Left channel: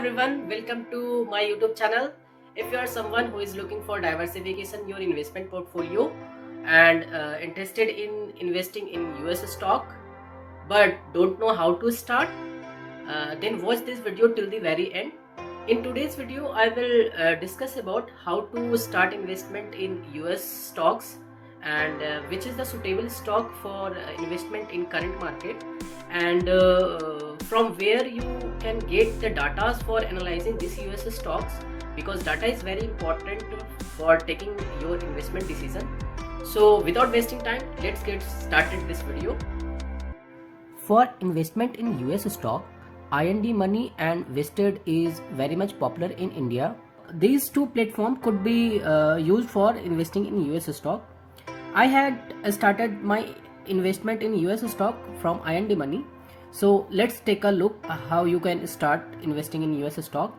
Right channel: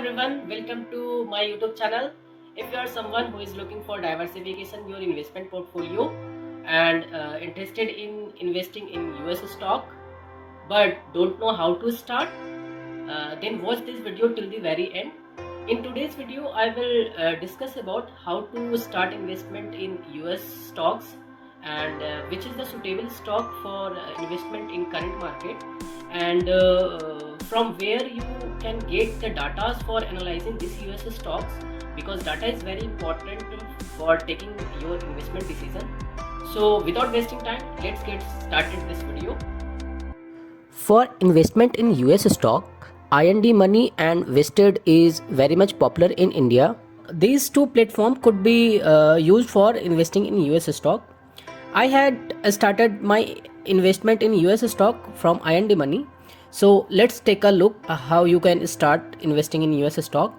everyone, welcome to my YouTube channel. If you are someone who is looking for diversification your investment portfolio and interested in investing in US stock but don't know how to start, then watch this video till the very end. In today's video, I will discuss about how to start investment in US stocks and which is the suitable stock for investment in current market, and from where you can get the data for analyzing these US stocks, because data is very important for taking your investment decision. So without wasting time, let's get started this video. For investment in US stock, INDmoney and Vested is very much popular in India. These two platforms could be used for investing in US stock. I had started my investment in US stock from INDmoney. So let's take a look how you can start investing in US stock.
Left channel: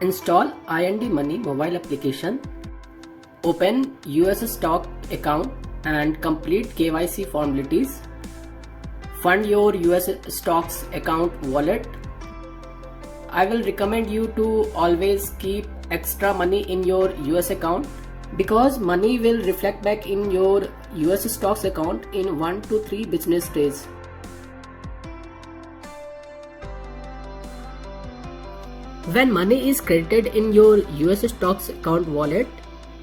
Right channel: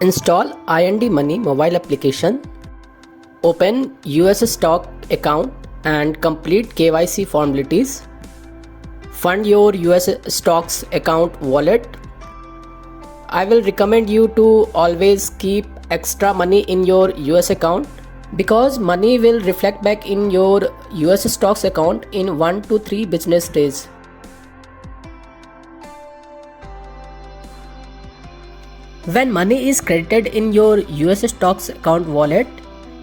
Install INDmoney mobile application. Open US stock account and complete KYC formalities. Fund your US stocks account wallet. I will recommend you to always keep extra money in your US account, because money will reflect back in your US stocks account in 1 to 3 business days. When money is credited in your US stocks account wallet,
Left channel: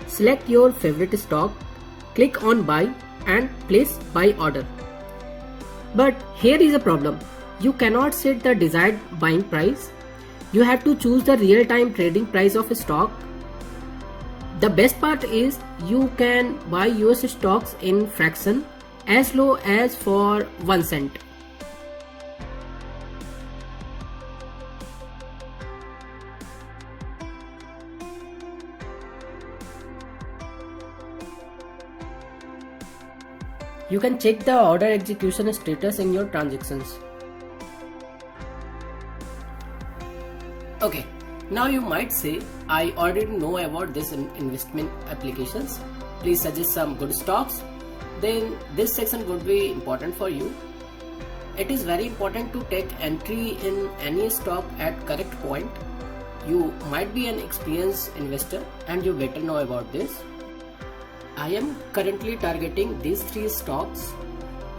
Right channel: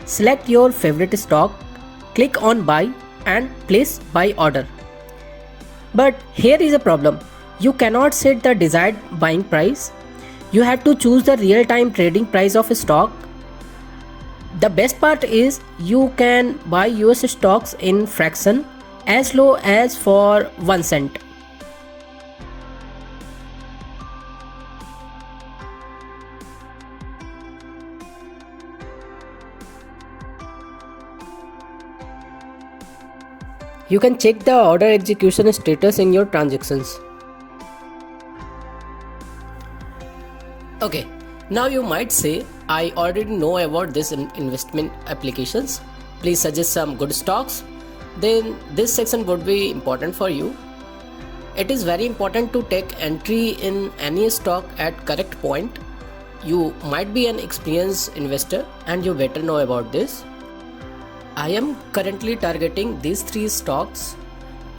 select your favorite stock, click on buy and place buy order. But here is a problem. You cannot set the desired buying price. You have to choose the real-time trading price of a stock. The best part is you can buy US stocks in fraction as low as for 1 cent. You can check the order execution status in your transactions. Okay, now you might say, I already know about this investment applications. Please suggest some good stocks. Then this section would be important for you. It is very important to take entry in any stock at correct point. You might be an experienced investor and you better know about this. I am currently targeting these 3 stocks,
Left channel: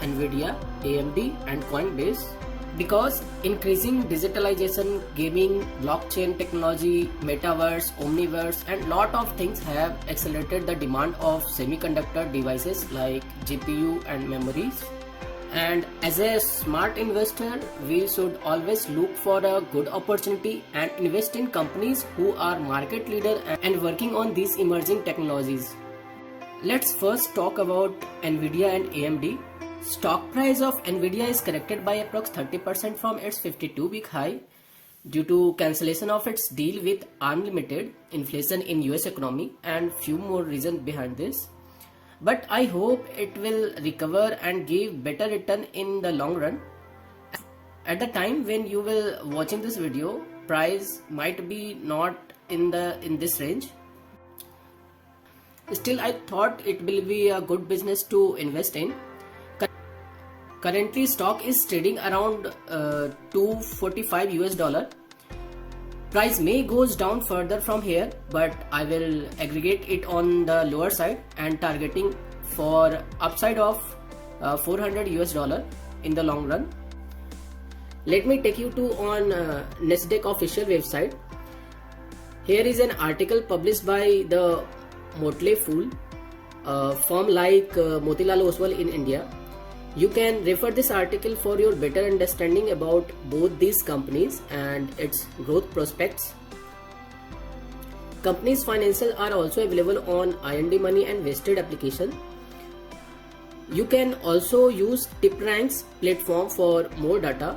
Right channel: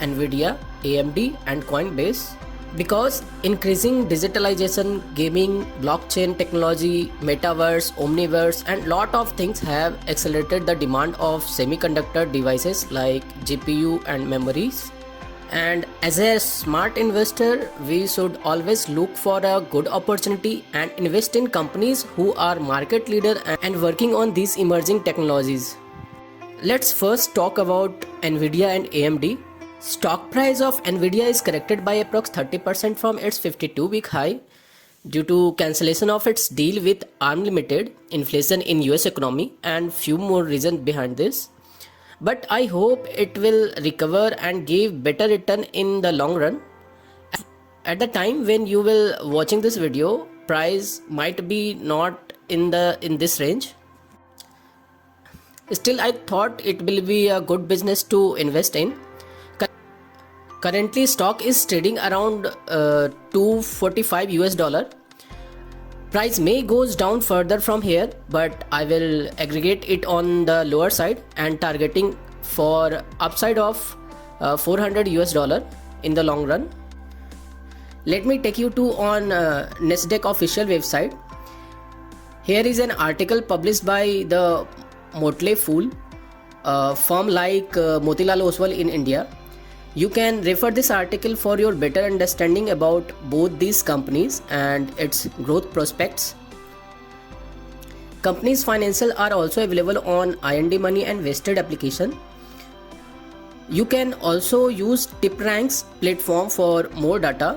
Nvidia, AMD and Coinbase, because increasing digitalization, gaming, blockchain technology, metaverse, omniverse and lot of things have accelerated the demand of semiconductor devices like GPU and memories. And as a smart investor, we should always look for a good opportunity and invest in companies who are market leader and working on these emerging technologies. Let's first talk about Nvidia and AMD. Stock price of Nvidia is corrected by approx 30% from its 52-week high due to cancellation of its deal with ARM Limited, inflation in US economy and few more reasons behind this. But I hope it will recover and give better return in the long run. At the time when you will watching this video, price might be not in this range. Still, I thought it will be a good business to invest in. Currently, stock is trading around $245 US. Price may goes down further from here, but I will aggregate it on the lower side and targeting for upside of $400 US in the long run. Let me take you to on Nasdaq official website. Here is an article published by the Motley Fool, a firm like Motilal Oswal in India. You can refer this article for your better understanding about both these companies and its growth prospects. Companies' financials are also available on INDmoney and Vested application. You can also use TipRanks platform for more data.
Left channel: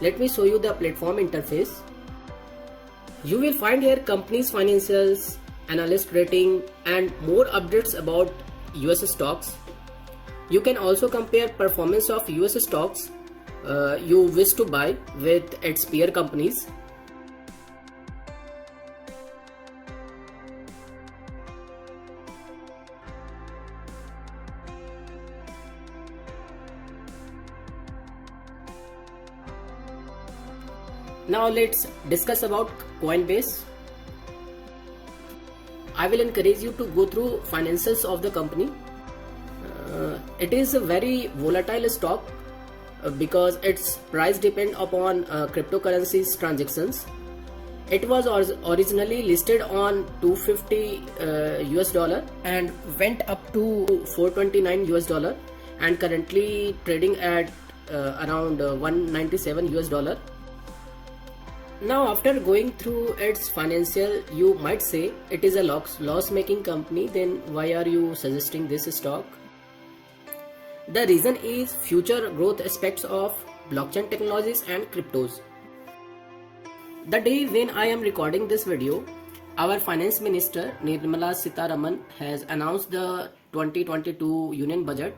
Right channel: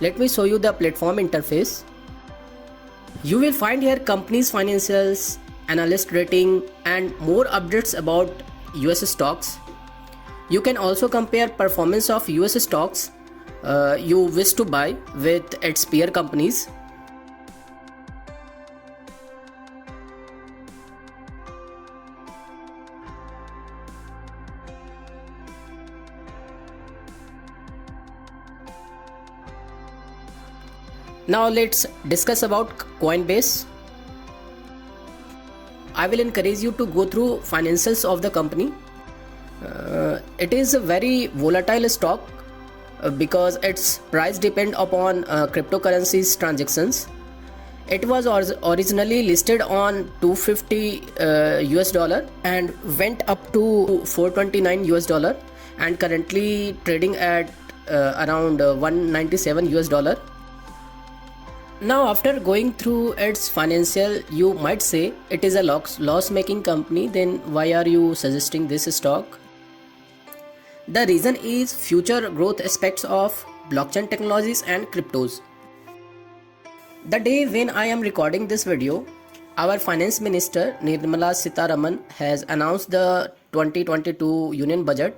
Let me show you the platform interface. You will find here companies' financials, analyst rating and more updates about US stocks. You can also compare performance of US stocks you wish to buy with its peer companies. Now let's discuss about Coinbase. I will encourage you to go through financials of the company. It is a very volatile stock because its price depend upon cryptocurrencies transactions. It was originally listed on 250 US dollar and went up to 429 US dollar and currently trading at around 197 US dollar. Now after going through its financial, you might say it is a loss making company, then why are you suggesting this stock? The reason is future growth aspects of blockchain technologies and cryptos. The day when I am recording this video, our finance minister Nirmala Sitharaman has announced the 2022 union budget,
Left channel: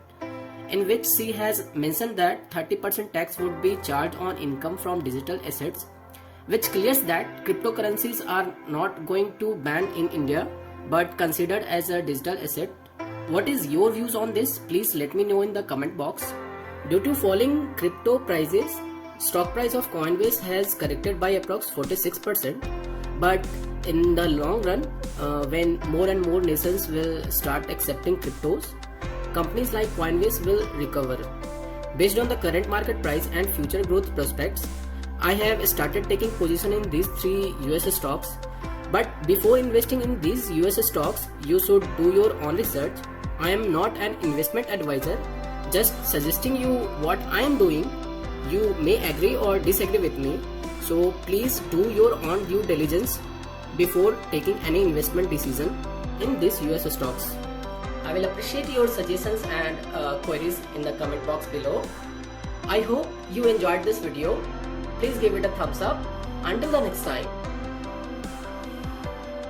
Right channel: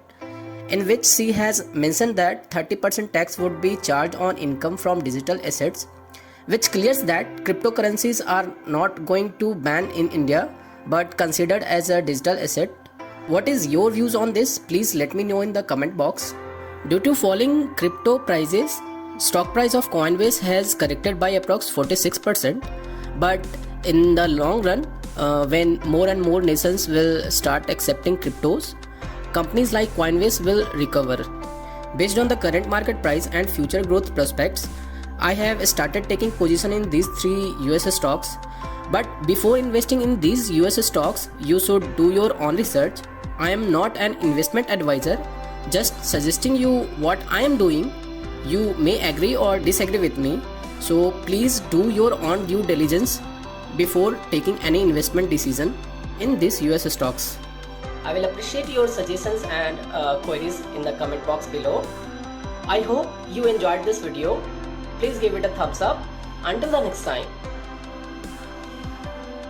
in which she has mentioned that 30% tax would be charged on income from digital assets, which clears that cryptocurrencies are not going to ban in India but considered as a digital asset. What is your views on this? Please let me know in the comment box. Due to falling crypto prices, stock price of Coinbase has corrected by approx 46%, but in the long run, when more and more nations will start accepting cryptos, companies like Coinbase will recover. Based on the current market price and future growth prospects, I have started taking position in these 3 US stocks. But before investing in these US stocks, you should do your own research. I am not an investment advisor, just suggesting you what I am doing. You may agree or disagree with me, so please do your own due diligence before taking any investment decision in these US stocks. I will appreciate your suggestions and queries in the comment box below. I hope you enjoyed this video. Please give it a thumbs up. Until the next time.